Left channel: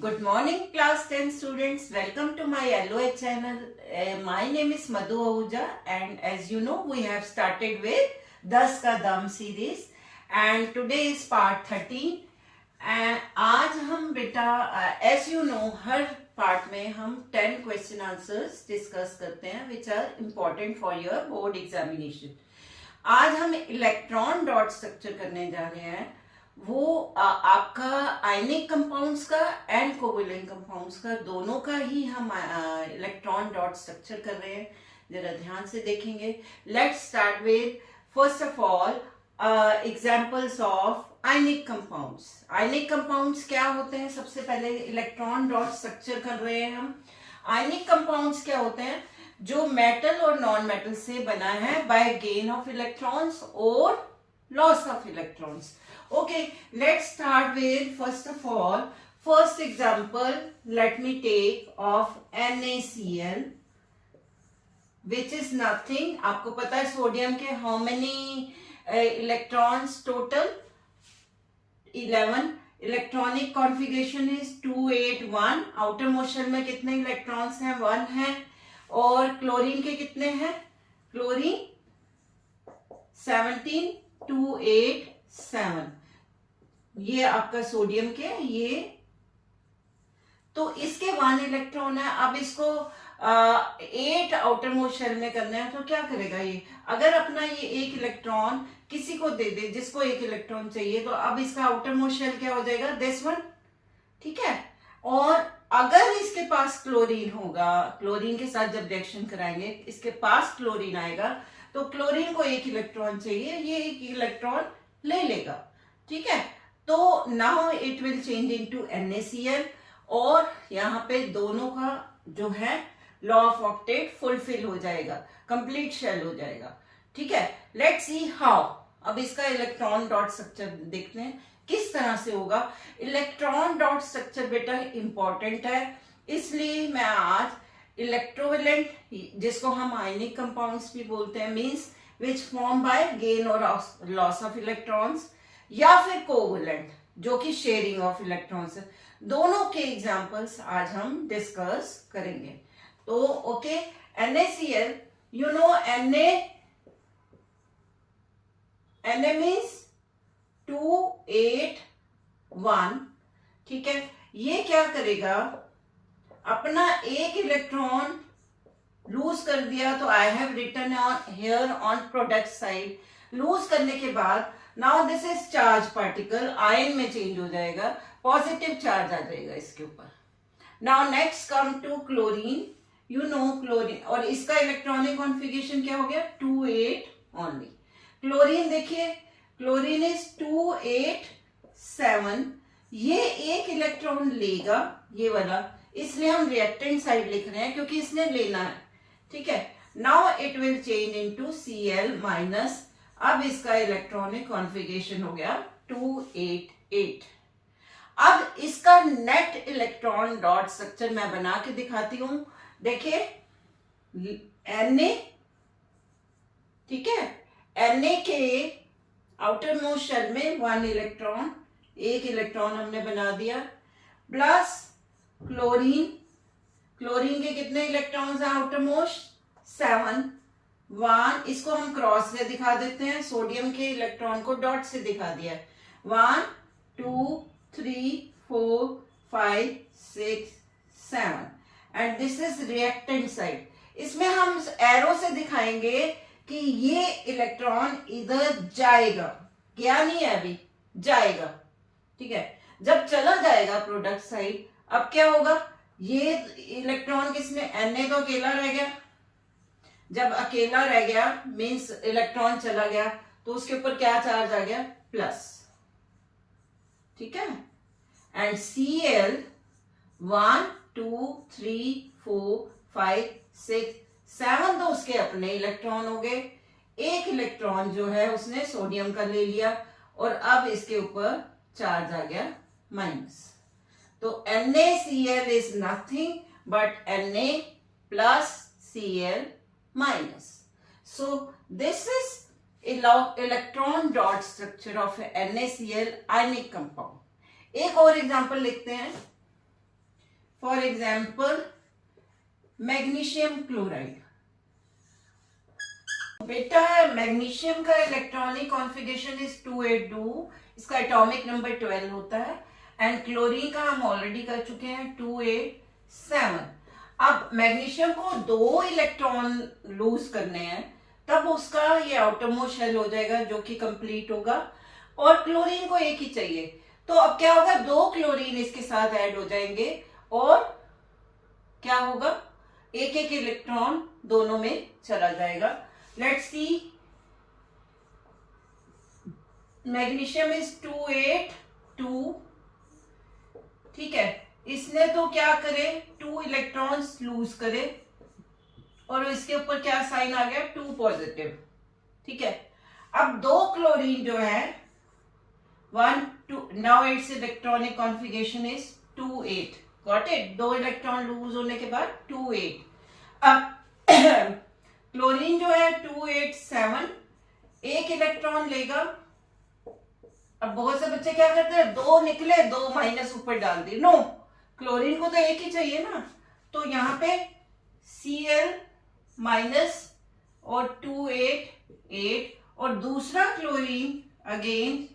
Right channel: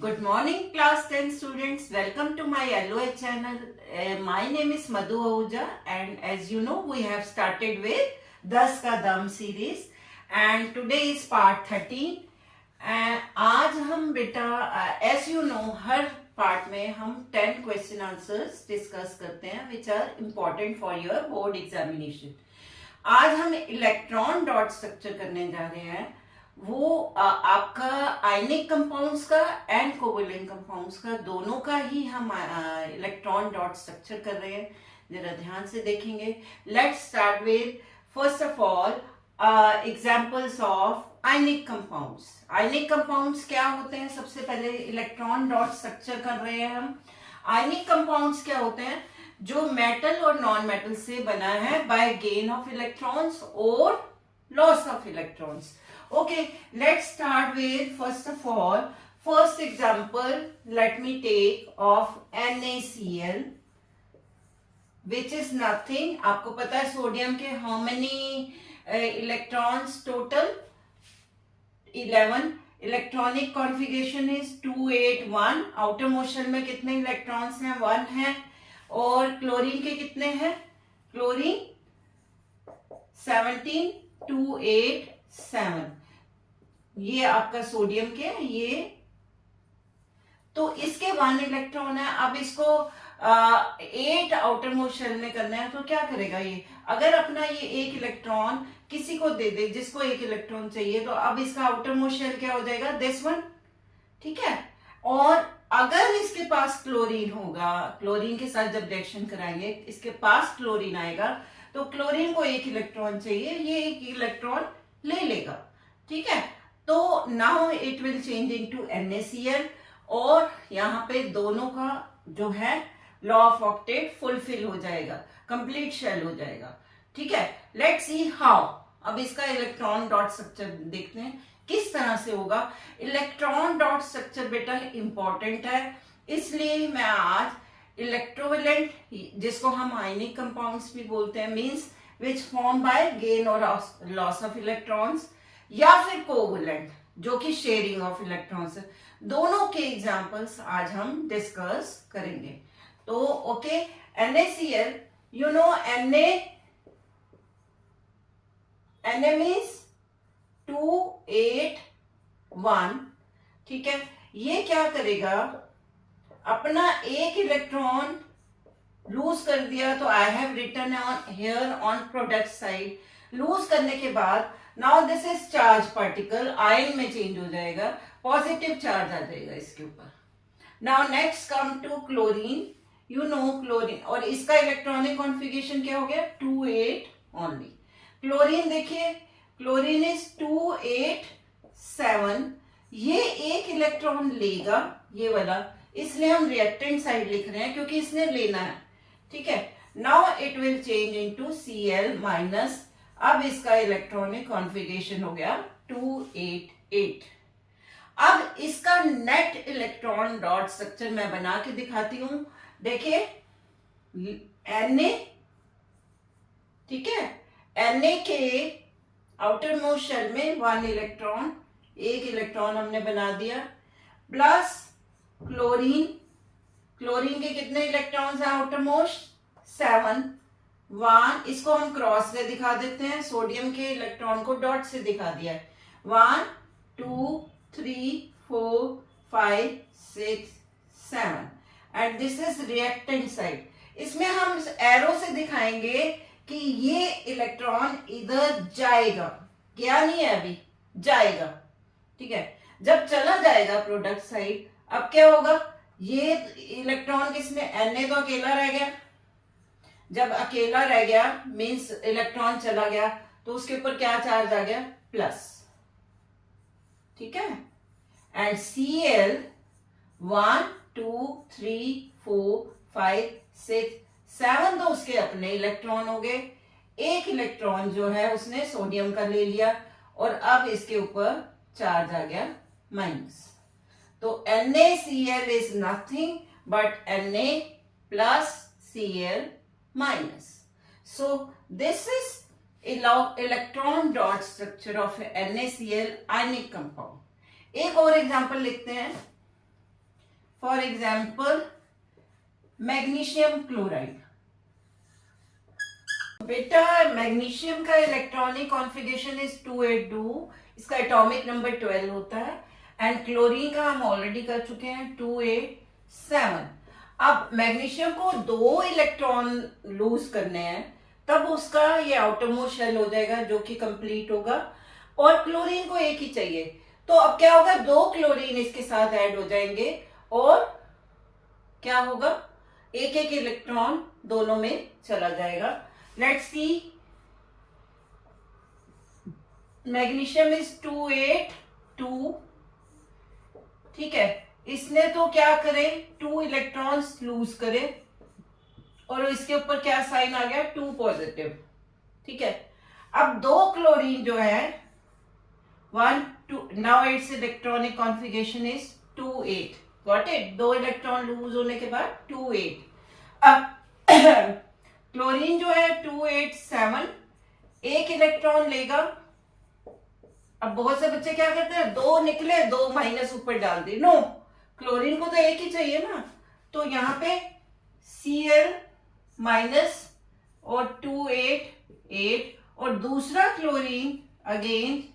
Good morning, class 10 students. Welcome to my LOA channel. My name is Madhu Ahuja, and as you know, we have started with 10 का दम series, and today is part 13. And आज हम बेटा, as you know, her part में हम 10 question answers discuss करते हैं, which are important for your board examination. आज हम इलेक्ट्रॉन डॉट स्ट्रक्चर करने जा रहे हैं. वो आपका आयनिक कंपाउंड्स का एंड कोवेलेंट कंपाउंड्स का दोनों का ही हम इलेक्ट्रॉन डॉट स्ट्रक्चर कर रहे हैं. जरा ध्यान से देखेंगे. Let's start with first of all examples of ionic compounds. Ionic compounds क्या होते हैं? सबसे पहले इलेक्ट्रॉन डॉट स्ट्रक्चर कर रहे हैं हम. आयनिक कंपाउंड्स क्या होते हैं? जो मेटल और नॉन मेटल से बना है बाय गेन ऑफ इलेक्ट्रॉन्स और loss of electrons. Okay, let's start with first of all, first example let me take of NaCl, which is nothing. आपको पता है सोडियम के how many electrons total? 11. Electronic configuration is 281. Outer motion में कितने electrons हैं? 1 है. और chlorine के कितने हैं? क्लोरीन 17, 2, 8, 7. ये आपका सोडियम के ये तो इसके 1 इलेक्ट्रॉन है. अब इसको 8 आउटर मोस्ट शेल में करना है तो क्या करेगा ये? अगर अपना ये 1 इलेक्ट्रॉन किसी को दे दे जिसको 1 इलेक्ट्रॉन चाहिए, तो अब इसका आउटर मोस्ट शेल क्या हो जाएगा? This one. ठीक है. और अगर इसके पास क्लोरीन होगा, क्लोरीन के साथ जब रिएक्शन कराएंगे इसके पास क्लोरीन आएगा, तो क्लोरीन को 1 इलेक्ट्रॉन चाहिए, ये 1 इलेक्ट्रॉन ले लेगा. ठीक है. तो now it will change into NaCl और यहाँ पे दोनों का जो है लॉ ऑफ ऑक्टेट फुलफिल हो जाएगा, कंप्लीट शेल हो जाएगा. ठीक है. Let's see how. अब इसका इलेक्ट्रॉन डॉट स्ट्रक्चर देखते हैं किस तरह से होगा. इलेक्ट्रॉन डॉट स्ट्रक्चर बेटा इंपॉर्टेंट है, इसलिए मैं आज इलेक्ट्रोवेलेंट, जिसको हम आयनिक कंपाउंड्स भी बोलते हैं, means which form by gain और लॉस ऑफ इलेक्ट्रॉन्स, या फिर कोवेलेंट जो कि शेयरिंग ऑफ इलेक्ट्रॉन्स है, दोनों के एग्जांपल्स आज हम डिस्कस करेंगे. तो okay, NaCl, you know Na means 2, 8, 1. ठीक है. ये क्या करेगा? अपना 1 इलेक्ट्रॉन लूज कर दिया, तो I have written on here on product side. Lose करने के बाद now this is charge particle, ion में चेंज हो जाएगा, पॉजिटिव चार्ज आ जाएगा इसके ऊपर. Now next come to chlorine. You know chlorine, और इसका इलेक्ट्रॉनिक कॉन्फ़िगरेशन क्या हो गया? 2, 8 ओनली. क्लोरीन देखिए, क्लोरीन इज 2, 8, 7. ये 1 इलेक्ट्रॉन लेगा, ये वाला, इसलिए हम रिएक्टेंट साइड लिख रहे हैं क्योंकि इसने लेना है. ठीक है. Now it will change into Cl minus. अब इसका इलेक्ट्रॉनिक कॉन्फ़िगरेशन हो गया 2, 8, 8. अब इसका नेट इलेक्ट्रॉन डॉट स्ट्रक्चर मैं बना के दिखाती हूं. देखिए Na, ठीक है, Na के आउटर मोस्ट शेल में 1 इलेक्ट्रॉन, 1 इलेक्ट्रॉन हमने बना दिया, प्लस क्लोरीन. क्लोरीन के कितने इलेक्ट्रॉन्स हैं आउटर मोस्ट? 7, 1. इसको हम क्रॉस से दिखा देते हैं, सोडियम के इलेक्ट्रॉन को डॉट से दिखा दिया. 1, 2, 3, 4, 5, 6, 7. And this is reactant side. इसमें हम एरो से दिखाएंगे कि ये इलेक्ट्रॉन इधर जाएगा. क्या नहीं है अभी, जाएगा. ठीक है. जब चला जाएगा प्रोडक्ट साइड, अब क्या होगा? ये इलेक्ट्रॉन किसने? Na तो अकेला रह गया. जब अकेला रह गया मीन्स इलेक्ट्रॉन चला गया, तो उसके ऊपर क्या चार्ज आ गया? प्लस. ठीक है. एंड Cl 1, 2, 3, 4, 5, 6, 7 तो उसके अपने इलेक्ट्रॉन हो गए. 1 इलेक्ट्रॉन जो है उसने सोडियम का ले लिया, और अब इसके ऊपर चार्ज आ गया माइनस. तो NaCl is nothing but Na plus Cl minus. So this is electron dot structure of NaCl ionic compound. एक और एग्जांपल लिखते हैं. For example magnesium chloride. बेटा मैग्नीशियम का इलेक्ट्रॉनिक कॉन्फ़िगरेशन इज 282, इसका एटॉमिक नंबर 12 होता है। एंड क्लोरीन का हम ऑलरेडी कर चुके हैं 287। अब मैग्नीशियम को 2 इलेक्ट्रॉन लूज करने हैं, तब उसका ये आउटरमोस्ट शेल हो जाएगा जो कि कंप्लीट होगा, और क्लोरीन को एक ही चाहिए। तो अब क्या होगा, 2 क्लोरीन इसके साथ ऐड हो जाएंगे और क्या होगा, एक एक इलेक्ट्रॉन दोनों में चला जाएगा। लेट्स सी, मैग्नीशियम इज 282, ठीक है। इसने तो क्या करे, 2 इलेक्ट्रॉन्स लूज करे और इसके ऊपर क्या साइन आ गया, 2 पॉजिटिव, ठीक है। अब 2 क्लोरीन जो है 1 2, now it's electronic configuration is 28, got it. 2 electron lose होने के बाद 28। अब क्लोरीन जो है 287 एक इलेक्ट्रॉन लेगा। अब बहुत से बच्चे क्या करते हैं, 2 निकले 2 माइनस ऊपर डाल दिए, नो, क्लोरीन को तो एक ही चाहिए ना। तो यहां पे Cl माइनस और 288, और दूसरा क्लोरीन अगेन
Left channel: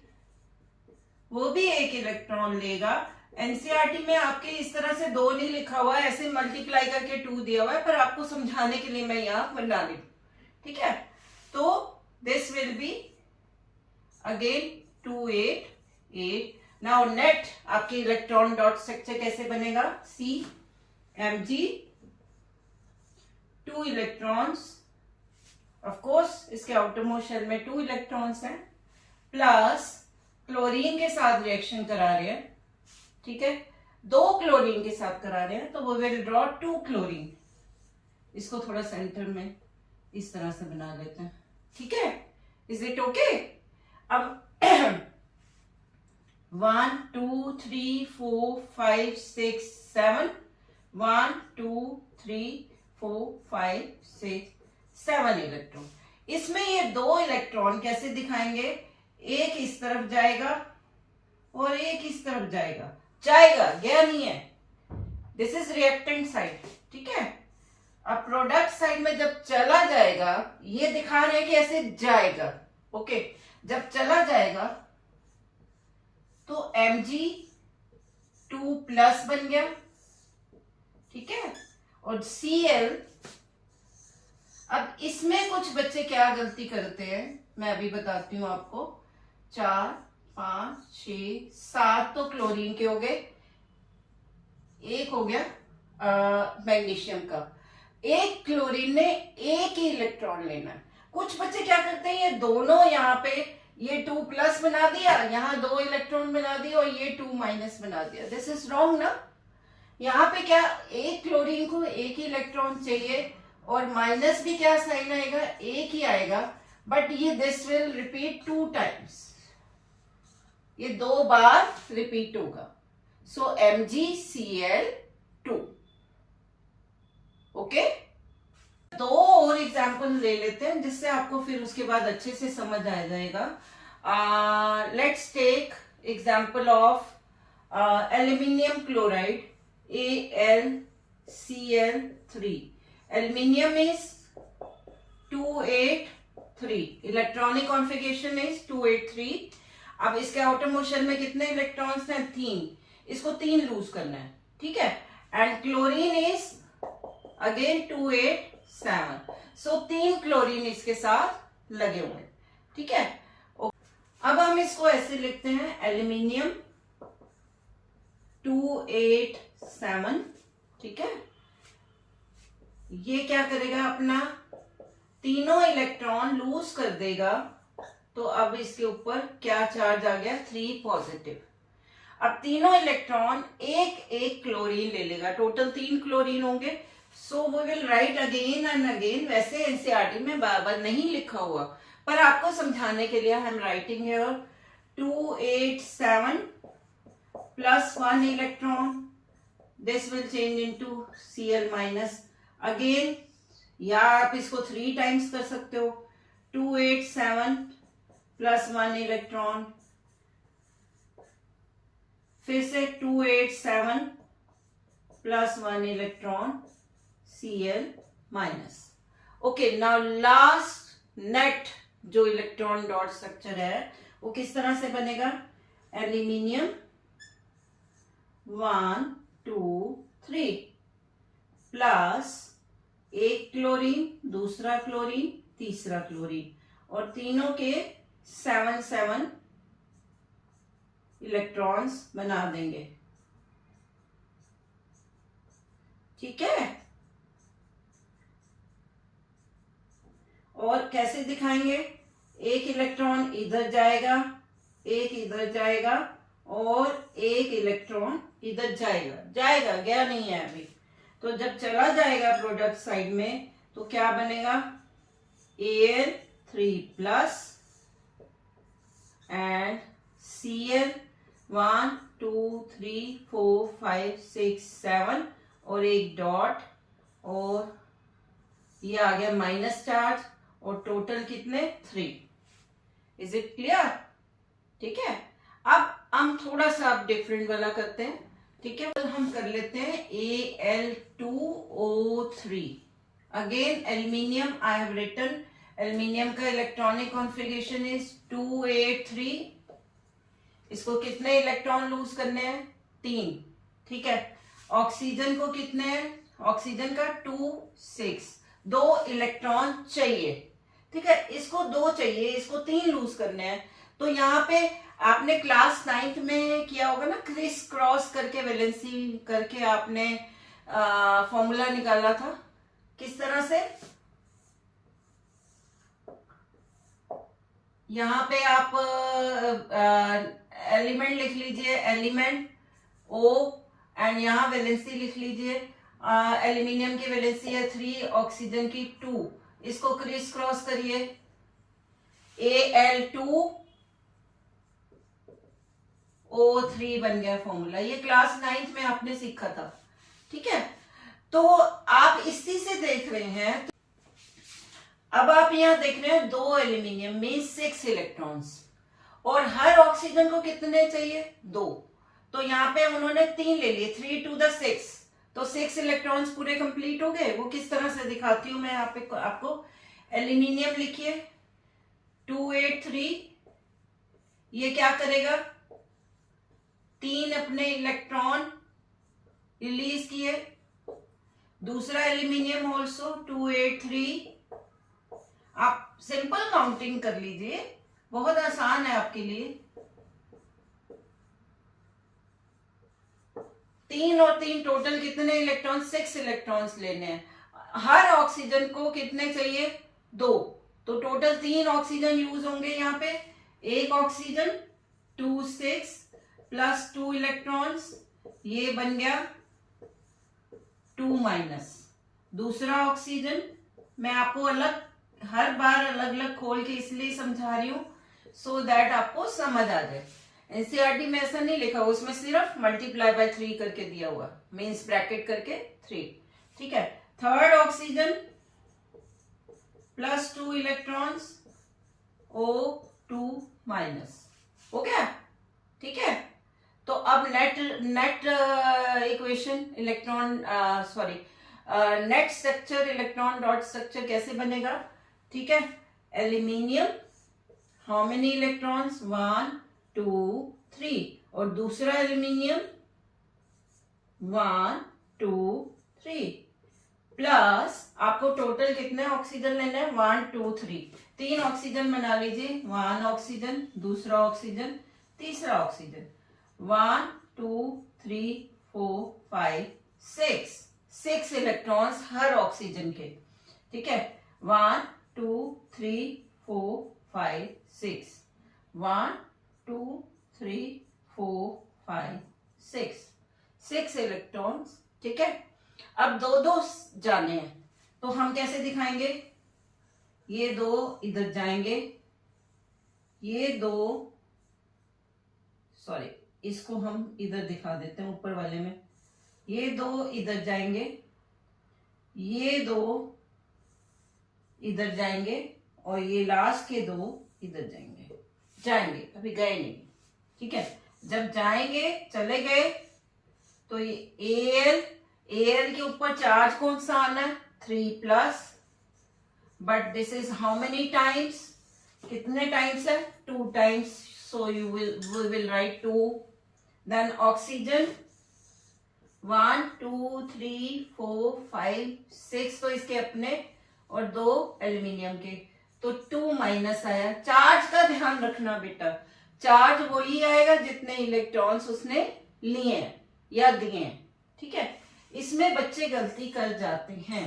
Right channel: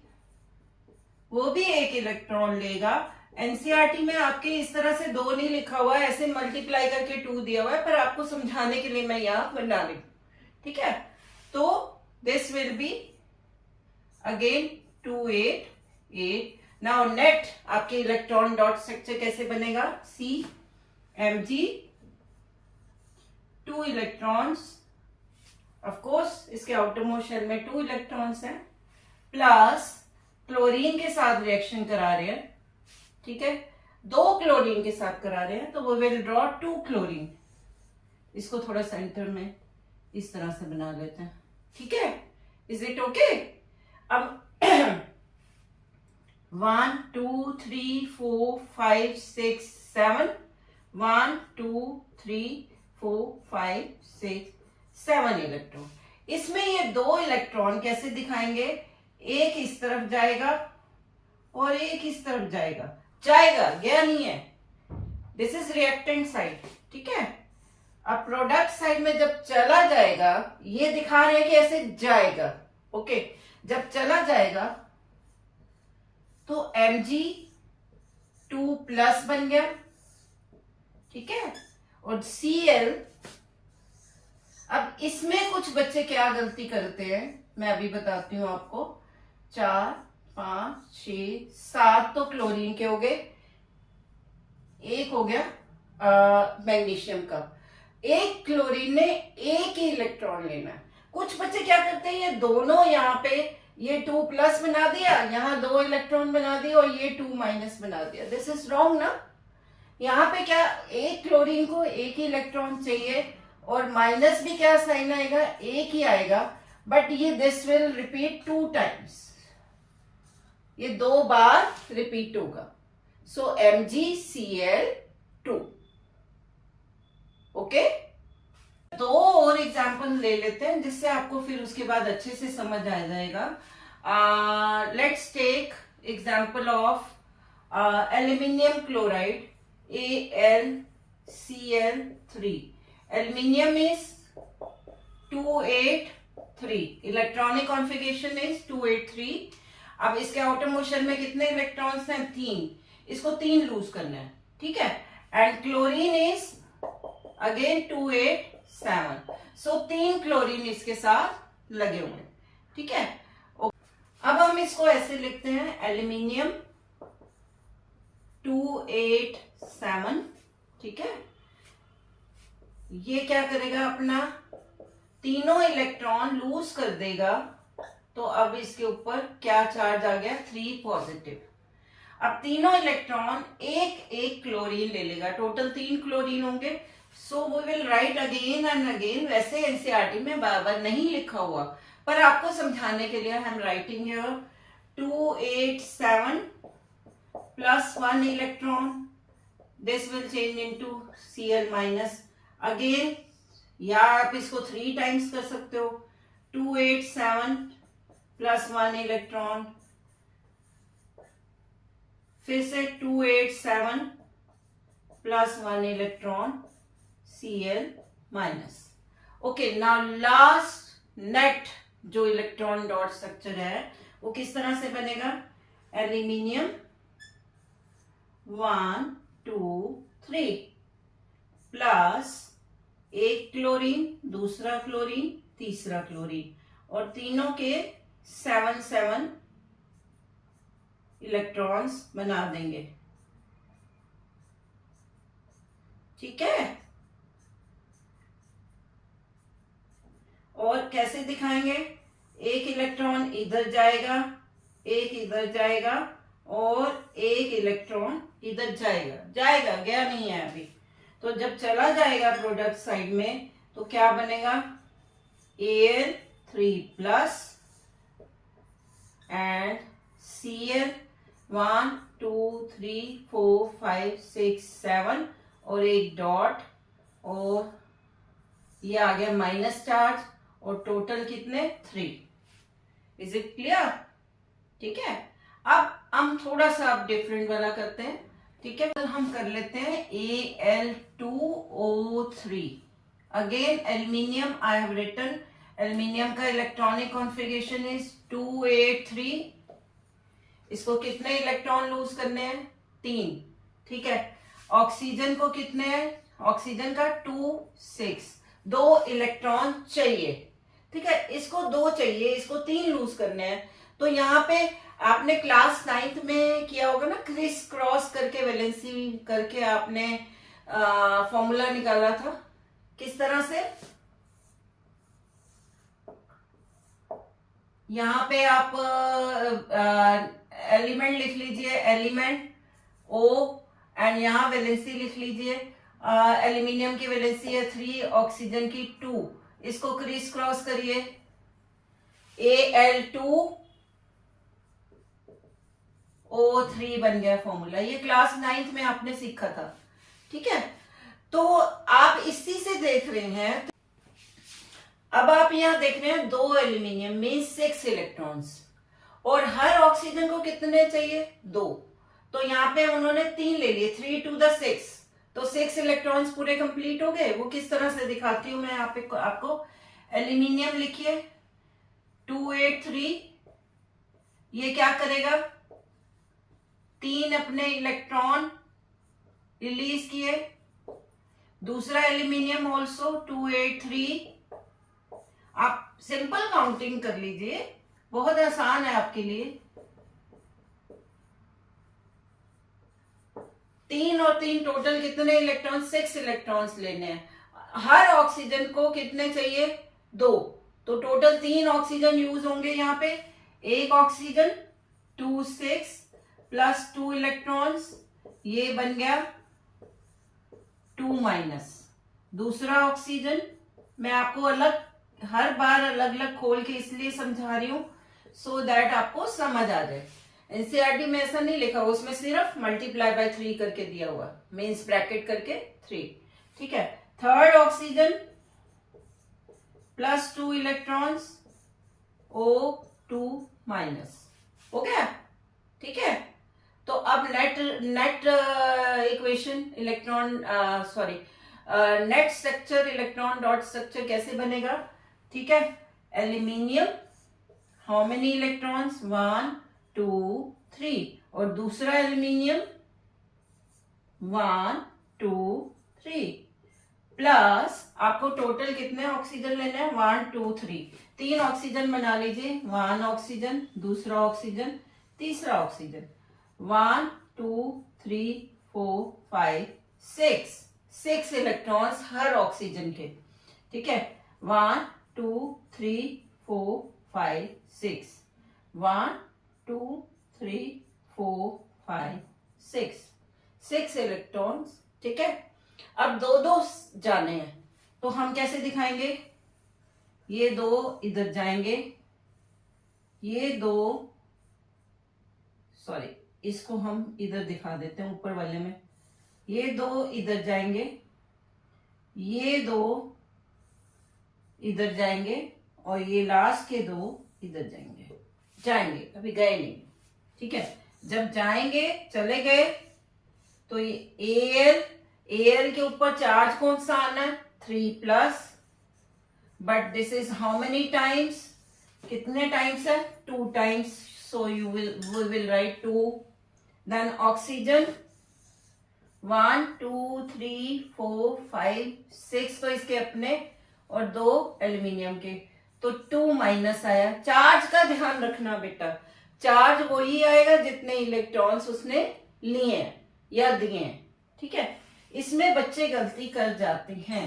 वो भी एक इलेक्ट्रॉन लेगा। एनसीईआरटी में आपके इस तरह से 2 नहीं लिखा हुआ है, ऐसे मल्टीप्लाई करके 2 दिया हुआ है, पर आपको समझाने के लिए मैं यहां बना ली, ठीक है। तो this will be again 288। Now net आपके इलेक्ट्रॉन डॉट स्ट्रक्चर कैसे बनेगा, CMg, 2 इलेक्ट्रॉन्स, ऑफ कोर्स इसके आउटरमोस्ट शेल में 2 इलेक्ट्रॉन्स हैं, प्लस क्लोरीन के साथ रिएक्शन करा रहे हैं, ठीक है। 2 क्लोरीन के साथ करा रहे हैं, तो वो विल ड्रॉ 2 क्लोरीन। इसको थोड़ा सेंटर में इस तरह से बना लेते हैं, ठीक है। Is it okay? अब 1 2 3 4 5 6 7, 1 2 3 4 5 6 7 इलेक्ट्रॉन। इसमें ये 2 इलेक्ट्रॉन कैसे दिखाएंगे, एक इस तरफ जाएगा और एक इस तरफ जाएगा, गया नहीं है। दिस इज रिएक्टेंट साइड, ठीक है। अब प्रोडक्ट साइड में जब चला जाएगा, ये दिखा रहे हैं कि ऐसे जाएगा, ओके। जब चला जाएगा तो Mg2 प्लस बन गया, ठीक है, और Cl। अब इसमें कुछ बच्चे क्या गलती करते हैं, मैं अभी बताती हूं आपको। 4 5 6 7 तो क्लोरीन के हो गए, एक हो गया मैग्नीशियम का। एक क्लोरीन ने एक ही इलेक्ट्रॉन लेना है। कुछ बच्चे क्या करते हैं, ये दोनों यहाँ पे ये 2 प्लस बना दिया, यहाँ 2 इलेक्ट्रॉन बना दिया और ये 2 माइनस बना दिया। दिस इज रॉन्ग ना। यहाँ पे क्या, एक क्लोरीन को एक ही इलेक्ट्रॉन चाहिए और माइनस भी क्या साइन आएगा, एक ही आएगा, बट ये दिस विल रिपीट 2 टाइम्स, ये 2 बार रिपीट होगा। सो MgCl2, ओके। 2 और एग्जाम्पल ले लेते हैं जिससे आपको फिर उसके बाद अच्छे से समझ आ जाएगा। Let's take example of aluminium chloride AlCl3। Aluminium is 283, electronic configuration is 283। अब इसके आउटर मोशन में कितने इलेक्ट्रॉन्स हैं, 3, इसको 3 लूज करना है, ठीक है। And chlorine is again 287, so 3 chlorine इसके साथ लगे हुए हैं, ठीक है। अब हम इसको ऐसे लिखते हैं, एल्यूमिनियम 287, ठीक है। ये क्या करेगा, अपना तीनों इलेक्ट्रॉन लूज कर देगा, तो अब इसके ऊपर क्या चार्ज आ गया, 3 पॉजिटिव। अब तीनों इलेक्ट्रॉन एक एक क्लोरीन ले लेगा, टोटल 3 क्लोरीन होंगे। So we will write again and again. वैसे एनसीईआरटी में बार नहीं लिखा हुआ, पर आपको समझाने के लिए हम राइटिंग है। 287 plus 1 electron, this will change into Cl minus again, या आप इसको 3 टाइम्स कर सकते हो। 287 प्लस 1 इलेक्ट्रॉन, फिर से 287 plus 1 electron Cl minus. Okay, now last net जो इलेक्ट्रॉन डॉट स्ट्रक्चर है वो किस तरह से बनेगा? एल्यूमिनियम 1 2 3 प्लस एक क्लोरीन, दूसरा क्लोरीन, तीसरा क्लोरीन, और तीनों के 7 इलेक्ट्रॉन्स बना देंगे। ठीक है, और कैसे दिखाएंगे? एक इलेक्ट्रॉन इधर जाएगा, एक इधर जाएगा, और एक इलेक्ट्रॉन इधर जाएगा। जाएगा, गया नहीं है अभी। तो जब चला जाएगा प्रोडक्ट साइड में तो क्या बनेगा? Al3 प्लस एंड Cl 1 2 3 4 5 6 7 और एक डॉट, और ये आ गया माइनस चार्ज, और टोटल कितने? 3। Is it clear? ठीक है, अब हम थोड़ा सा अब डिफरेंट वाला करते हैं। ठीक है, तो हम कर लेते हैं Al2O3। Again aluminium, I have written aluminium का इलेक्ट्रॉनिक कॉन्फ़िगरेशन इज 283। इसको कितने इलेक्ट्रॉन लूज करने हैं? 3। ठीक है, ऑक्सीजन को कितने हैं? ऑक्सीजन का 2 6, 2 इलेक्ट्रॉन चाहिए। ठीक है, इसको 2 चाहिए, इसको 3 लूज करने हैं। तो यहाँ पे आपने क्लास 9th में किया होगा ना, क्रिस क्रॉस करके वैलेंसी करके आपने फॉर्मूला निकाला था। किस तरह से? यहाँ पे आप एलिमेंट लिख लीजिए, एलिमेंट O, एंड यहाँ वैलेंसी लिख लीजिए। एल्यूमिनियम की वैलेंसी है 3, ऑक्सीजन की 2। इसको क्रिस क्रॉस करिए, Al2O3 बन गया फॉर्मूला। ये क्लास 9th में आपने सीखा था। ठीक है, तो आप इसी से देख रहे हैं। अब आप यहां देख रहे हैं 2 एल्यूमिनियम में 6 इलेक्ट्रॉन्स, और हर ऑक्सीजन को कितने चाहिए? 2। तो यहाँ पे उन्होंने 3 ले लिए, 3 to the 6, तो 6 इलेक्ट्रॉन्स पूरे कंप्लीट हो गए। वो किस तरह से दिखाती हूं मैं आपको। एल्यूमिनियम लिखिए 283, ये क्या करेगा? 3 अपने इलेक्ट्रॉन रिलीज किए। दूसरा एल्यूमिनियम ऑल्सो 283। आप सिंपल काउंटिंग कर लीजिए, बहुत आसान है आपके लिए। 3 और 3 टोटल कितने इलेक्ट्रॉन? 6 इलेक्ट्रॉन्स लेने हैं। हर ऑक्सीजन को कितने चाहिए? 2। तो टोटल 3 ऑक्सीजन यूज होंगे यहाँ पे। एक ऑक्सीजन 2 6 प्लस 2 इलेक्ट्रॉन्स, ये बन गया 2 माइनस। दूसरा ऑक्सीजन, मैं आपको अलग हर बार अलग अलग खोल के इसलिए समझा रही हूं सो दैट आपको समझ आ जाए। एनसीईआरटी में ऐसा नहीं लिखा हुआ, उसमें सिर्फ मल्टीप्लाई बाय 3 करके दिया हुआ, मीन्स ब्रैकेट करके 3। ठीक है, third oxygen plus 2 electrons, O2 minus. हो गया? ठीक है, तो अब net equation electron net structure electron dot structure कैसे बनेगा? ठीक है, एल्यूमिनियम हाउ मेनी इलेक्ट्रॉन्स? 1 2 3, और दूसरा एल्यूमिनियम 1 2 3 प्लस आपको टोटल कितने ऑक्सीजन लेना है? 1 2 3, 3 ऑक्सीजन बना लीजिए। 1 ऑक्सीजन, दूसरा ऑक्सीजन, तीसरा ऑक्सीजन। 1 2 3 4 5 6 इलेक्ट्रॉन्स हर ऑक्सीजन के। ठीक है, 1 2 3 4 5 6, 1 2 3 4 5 6 इलेक्ट्रॉन्स। ठीक है, अब 2 जाने हैं, तो हम कैसे दिखाएंगे? ये 2 इधर जाएंगे, ये 2 इसको हम इधर दिखा देते हैं ऊपर वाले में। ये 2 इधर जाएंगे, ये 2 इधर जाएंगे, और ये लास्ट के 2 इधर जाएंगे, अभी गए नहीं। ठीक है, जब जाएंगे, चले गए, तो ये Al Al के ऊपर चार्ज कौन सा आना है, 3+, but this is how many times, कितने टाइम्स है, 2 times, so we will write 2. Then oxygen 1 2 3 4 5 6 तो इसके अपने और 2 एल्यूमिनियम के, तो 2- आया. चार्ज का ध्यान रखना बेटा, चार्ज वही आएगा जितने इलेक्ट्रॉन्स उसने लिए हैं या दिए हैं. ठीक है, इसमें बच्चे गलती कर जाते हैं.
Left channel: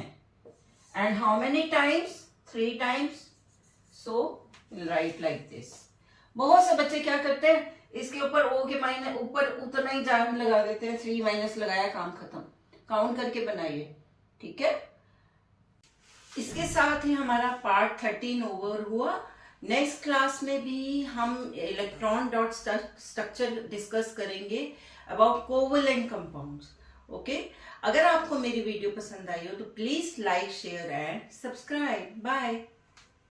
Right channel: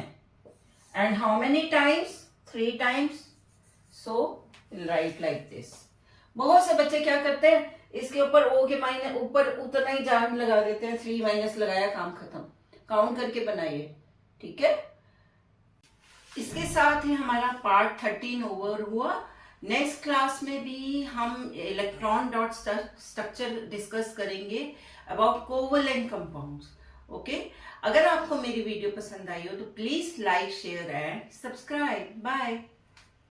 And how many times, 3 times, so right like this. बहुत से बच्चे क्या करते हैं, इसके ऊपर O के माइनस ऊपर उतना ही चार्ज लगा देते हैं, 3- लगाया, काम खत्म. काउंट करके बनाइए. ठीक है, इसके साथ ही हमारा पार्ट 13 ओवर हुआ. नेक्स्ट क्लास में भी हम इलेक्ट्रॉन डॉट स्ट्रक्चर डिस्कस करेंगे अबाउट कोवेलेंट कंपाउंड्स. ओके, अगर आपको मेरी वीडियो पसंद आई हो तो please like, share and subscribe. Bye.